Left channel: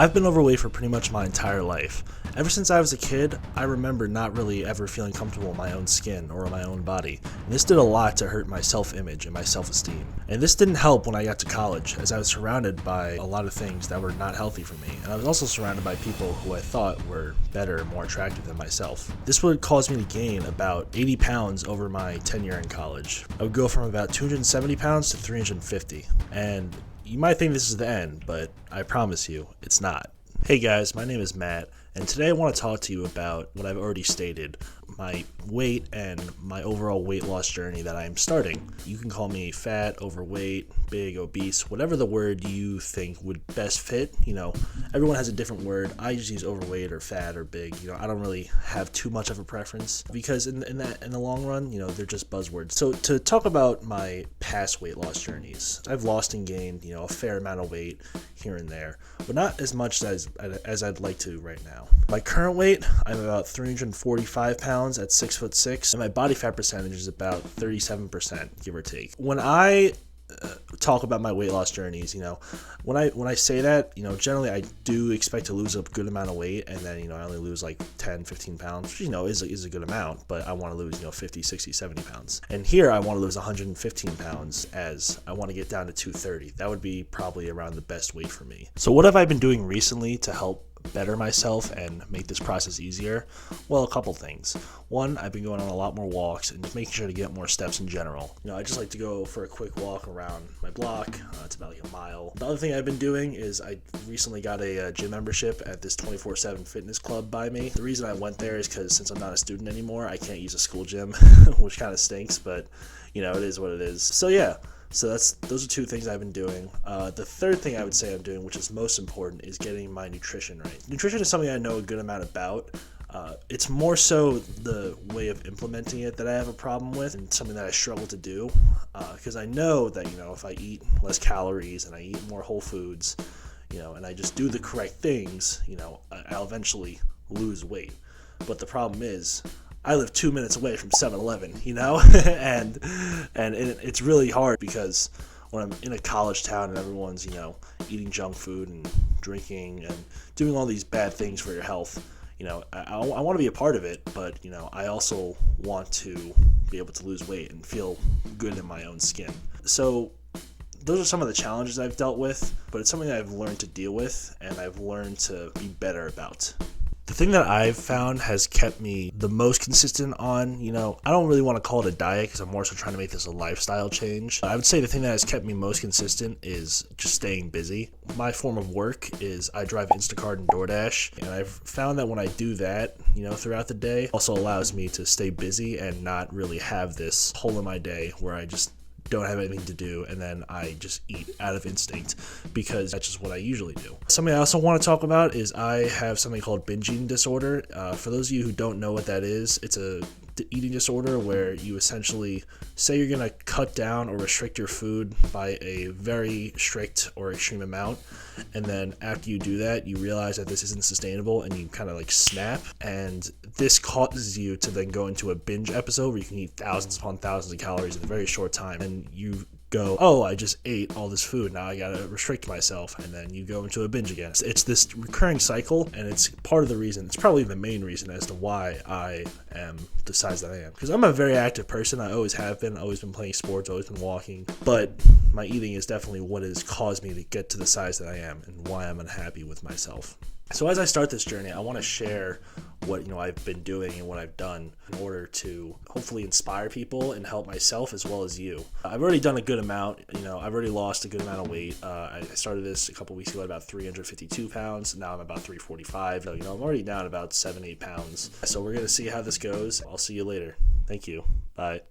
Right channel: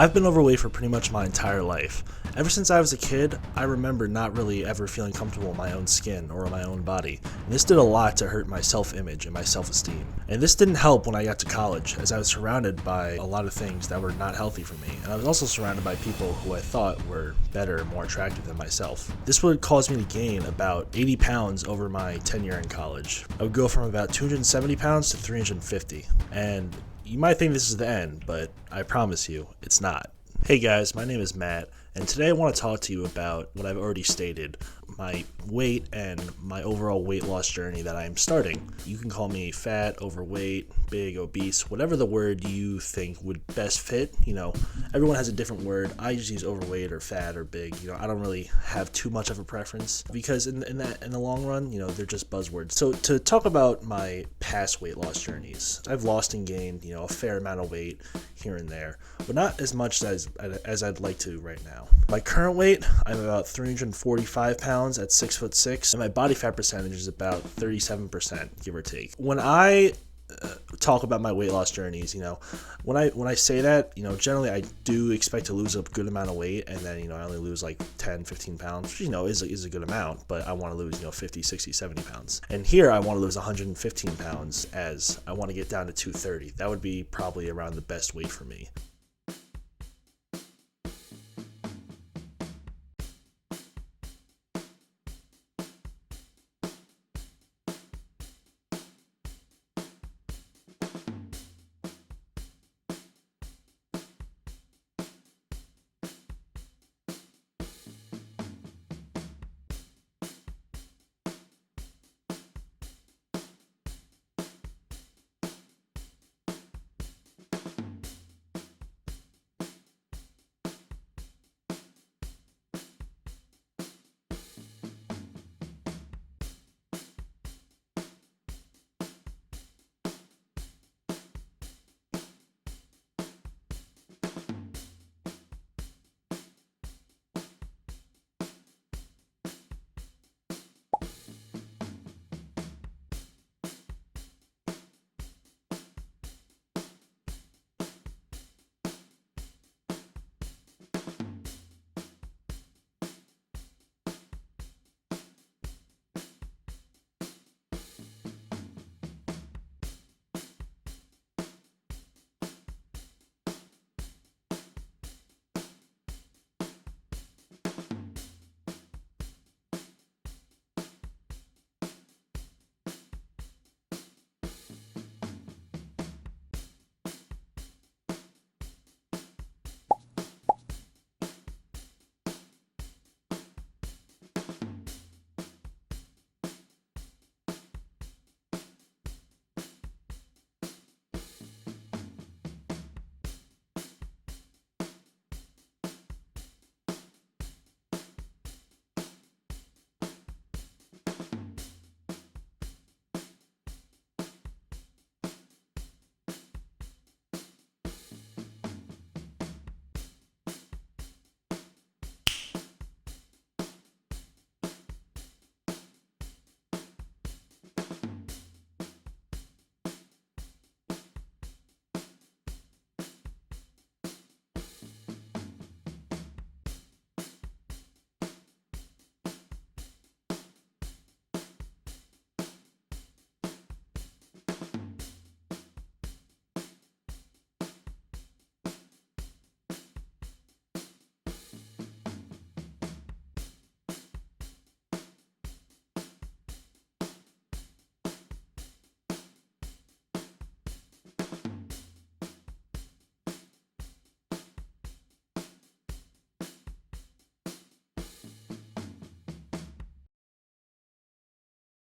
I've been overweight for pretty much my entire life. Ever since I was a kid, I remember not really ever feeling comfortable in my own skin or in my own body. And this did a lot to hurt my self-image and my self-esteem. And this didn't help when I got to college, as I was surrounded by a lot of things that were not healthy for me. And I was also surrounded by people who I thought were better and more attractive than myself. This would cause me to gain about 80 pounds over my tenure in college. I would go from about 270 pounds to 350. And you might think this is the end, but I promise you, it's not. Hey guys, my name is Matt, and today I want to talk to you about what I've already stated, my weight and my overall weight loss journey that I am starting. You can call me fat, overweight, big, obese, whatever the word you think would best fit. Everyone has a different word. I just use overweight or fat or big. I don't really have too much of a preference because in the long run, they're just buzzwords. So to talk about my past weight loss journeys, I've lost and gained, a fair amount of weight here and there, but not as much as I'd like to right now. My current weight, I'm about 345 pounds at 6'6", and my body fat percentage is about 37%, give or take. When I talk about my weight loss journeys, when I say that, generally I do expect to lose a good amount of weight, and then, I only lose like 10, 15 pounds, which, is a good amount, but I want to lose, 50, 60, 70 pounds. And here I want to lose 115 pounds as I want to get down to 230. That would be probably around the best weight for me. So what have I been doing recently to help better myself and make this process easier? Well, a couple things. One, I've been going on a lot more walks and making sure to get more steps in general. I just like to go for a quick walk around my block. It's about like a mile. The other thing I've been doing is I recently got a gym membership at this 24/7 fitness club by me. The reason I went there is because since I'm not a student anymore, I can't use a school gym, which kind of stinks, but it is what it is. So yeah. So those are two things I've been doing. The third thing I would say I'm doing, which is most important, is getting my nutrition right. Nutrition is something I know a good amount about. It's more so the way of implementing it that I have a problem with, and something that I struggle to do. Because I know that if I eat less calories and I eat more whole foods, and I just do the correct things, I'll eventually lose weight. But the problem is, I live 2 minutes away from 7-Eleven, and it's really hard because when I'm in a college town and everyone's, eating junk food and drinking and doing all these bad things for your health, I want to be a part of it, but, I also want to be able to lose weight and feel good in my own skin. So those are some of the challenges I've dealt with, but it's something I've learned to deal with and I've learned to be better about. The thing that I've found has kept me the most consistent on, I don't really want to call it a diet because I'm more so trying to make this a lifestyle change. I would say the thing that has kept me most consistent is just staying busy. My form of work is I drive Instacart and DoorDash, and I've found that when I do that, throughout the day, also allows me to stay busy and not really have this hole in my day where I just don't have anything to do and then I just eat out of instinct because that's just what I usually do. Something I also want to talk about is I have something called binge eating disorder. For those of you who don't know what that is, it's a eating disorder where you essentially say you're going to cut down or restrict your food by a very strict or extreme amount, and then after you do that you realize that this isn't sustainable and you kind of like snap, and this causes you to then go into a binge episode where you can eat thousands upon thousands of calories in a very short time, and you go, oh, I just ate all this food, now I gotta restrict myself, and then you go into a binge again. It's this recurring cycle, and it's part of the reason, it's probably the main reason as to why I am the size that I am. Because I'm a very active person, I always have been, always been playing sports, always been walking, but my eating is definitely what has caused me to get to the size that I am and why I'm unhappy with myself. So as I start this journey, I want to share what I've been doing and what I've done in order to hopefully inspire people and help myself as well as you. I've already done a good amount. I've already lost a good amount of weight. I started this a couple weeks ago at about 352 pounds. Now I'm about 345. So, I'm already down about 7-8 pounds. So we're going to see how this goes. I'll see you later. Thank you. Bye.